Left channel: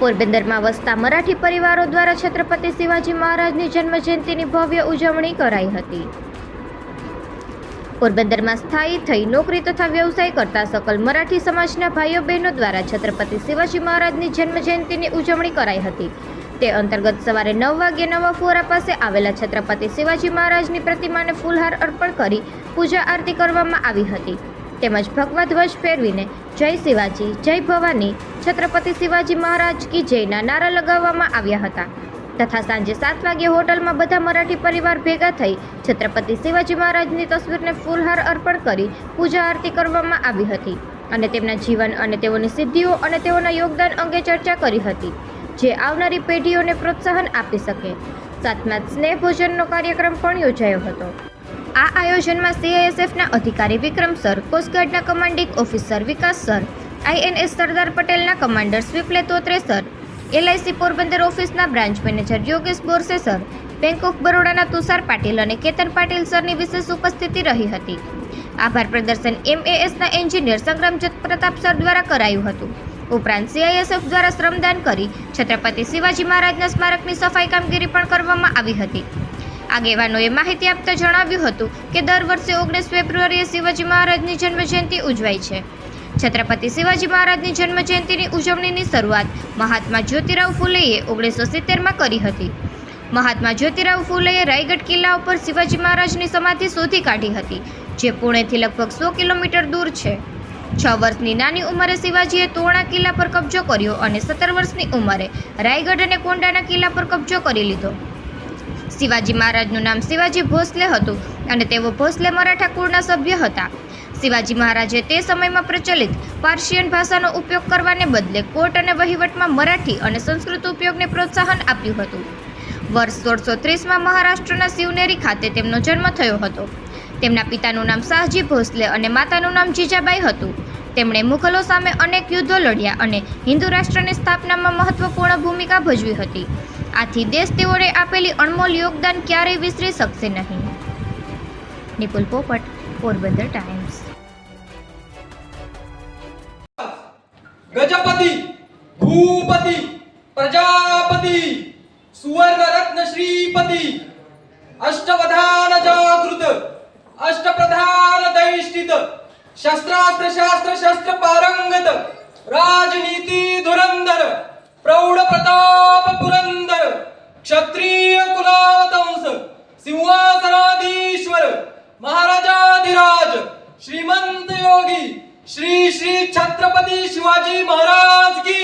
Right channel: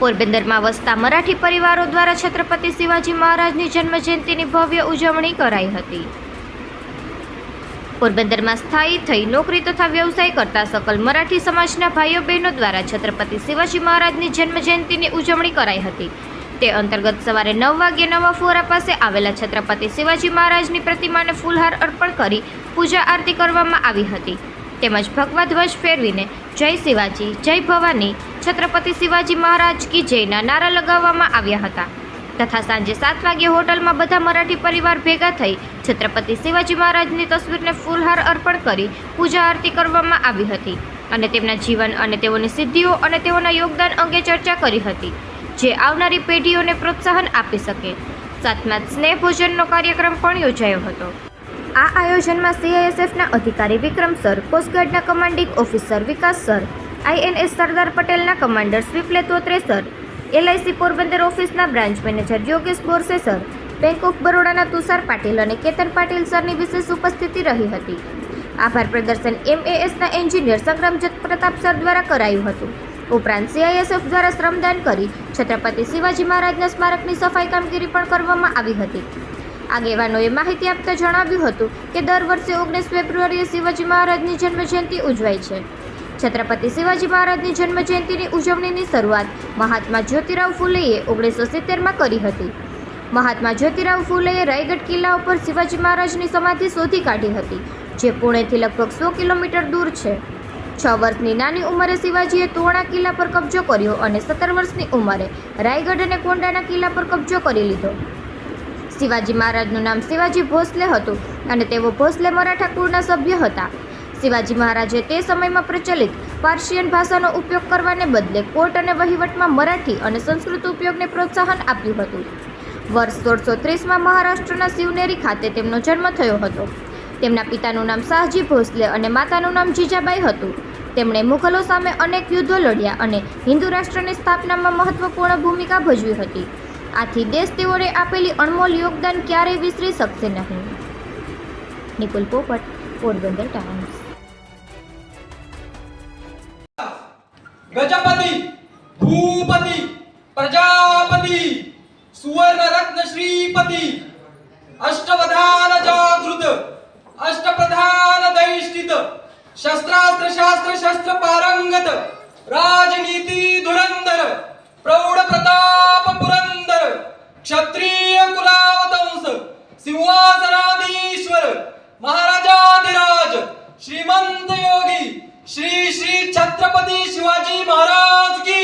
પોરબંદરમાં વસતા મરાઠી પરિવારો દ્વારા છત્રપતિ શિવાજી મહારાજની જન્મજયંતિની ભવ્ય ઉજવણી કરાઈ હતી. પોરબંદરમાં સ્થાયી થઈ નોકરી તથા વ્યવસાય કરતા સકલ મરાઠી સમાજના ભાઈઓ બહેનો દ્વારા છત્રપતિ શિવાજી મહારાજની જન્મજયંતિની ઉજવણી કરાઈ હતી. તે અંતર્ગત સવારે નવ વાગ્યે નવા ફોરા પાસે આવેલા છત્રપતિ શિવાજી મહારાજની પ્રતિમાને ફૂલહાર અર્પણ કરી પૂજા આરતી કરવામાં આવી હતી. તેમજ ભગવા ધ્વજ ફેરવીને જય શિવાજી, જય ભવાની. છત્રપતિ શિવાજી મહારાજ કી જયના નારા લગાવવામાં આવ્યા હતા. તથા સાંજે સાત વાગ્યે હોટલમાં બધા મરાઠી પરિવાર ભેગા થઈ છત્રપતિ શિવાજી મહારાજની તસવીરને ફૂલહાર અર્પણ કરી પૂજા આરતી કરવામાં આવી હતી અને તેમના જીવન અને તેઓની સિદ્ધિઓ અને તેઓના યોગદાન અંગે ચર્ચા કરી હતી, જે આવનારી પેઢીઓને પ્રોત્સાહન આપી શકે. સાથમાં સ્નેહ ભોજનનો કાર્યક્રમ પણ યોજાયો હતો. આ આયોજનમાં સીઆઈએસએફના અધિકારી Vikram sir કોસ્ટગાર્ડના commanding officer Vikas sir INS Sardar પટેલના commander Swaple Totre sir LIC Porbandar ઓફિસના branch manager Yogesh Borse sir bank of બરોડાના Tushar Patil અને કેતન પાટીલ સરની વિશેષ ઉપસ્થિતિ રહી હતી. આભાર પ્રદર્શન એમએએસના એન્જિનિયર સંગ્રામ પ્રતાપ સર દ્વારા કરાયું હતું. ઉપરાંત સીઆઈએસએફ દ્વારા શ્રમદાન કરી છત્રપતિ શિવાજી મહારાજના સ્મારકની સફાઈ કામગીરી પણ કરવામાં આવી હતી. આગેવાનોએ માહિતી આપતા જણાવ્યું હતું કે દર વર્ષે ઓગણીસ ફેબ્રુઆરીએ શિવાજી મહારાજની જન્મજયંતિ ઉજવાય છે. છત્રપતિ શિવાજી મહારાજની જન્મજયંતિની ઉજવણીની શરૂઆત મહાત્મા જ્યોતિરાવ ફૂલેએ ઓગણીસો સિત્તેરમાં કરી હતી. મહાત્મા જ્યોતિરાવ ફૂલેએ રાયગઢ કિલ્લા ઉપર શિવાજી મહારાજની સમાધિ શોધી કાઢી હતી, જે પુણેથી લગભગ સો કિલોમીટર દૂર છે. છ વર્ષની નાની ઉંમરે શિવાજીએ તોરણા કિલ્લા પર કબજો કર્યો અને સત્તર વર્ષની ઉંમરે રાયગઢ અને કોંડાના કિલ્લા પર કબજો કરી લીધો. શિવાજી મહારાજનું નામ શિવાજી ભોસલે હતું અને તેઓ ભોસલે મરાઠા કુળના સભ્ય હતા. શિવાજી મહારાજે તે સમયમાં પ્રચલિત પાર્શિયન ભાષાનો ઉપયોગ કરવાને બદલે કોર્ટ અને વહીવટમાં મરાઠી અને સંસ્કૃત ઉપયોગને પ્રોત્સાહન આપ્યું હતું. વર્ષ સોળસો ત્રીસમાં મહારાષ્ટ્રના શિવનેરી ખાતે તેમનો જન્મ થયો હતો. તેમના પિતાનું નામ શાહજી ભોસલે અને માતાનું નામ જીજાબાઈ હતું. તેમણે મુઘલો સામે અનેક યુદ્ધો લડ્યા અને હિન્દુ રાષ્ટ્રની સ્થાપનામાં મહત્વપૂર્ણ ભૂમિકા ભજવી હતી. આથી દેશ તેઓએ આપેલી અણમોલ યોગદાન ક્યારેય વિસરી શકશે નહીં. નિપુલ પોપટ, પોરબંદર ટાઈમ્સ. ગજપતિ, ભૂપતિ, પ્રજાપતિ, સુવર્ણ રત્ન શ્રીપતિ અષ્ટવધાન शस्त्रास्त्र शास्त्र शस्त्र पारंगत राजनीती धुरंधर प्रौढ प्रताप पुरंदर क्षत्रिय कुलावतंस सिंहासनाधीश्वर महाराजाधिराज श्रीमंत योगी श्री श्री छत्रपती शिवाजी महाराज की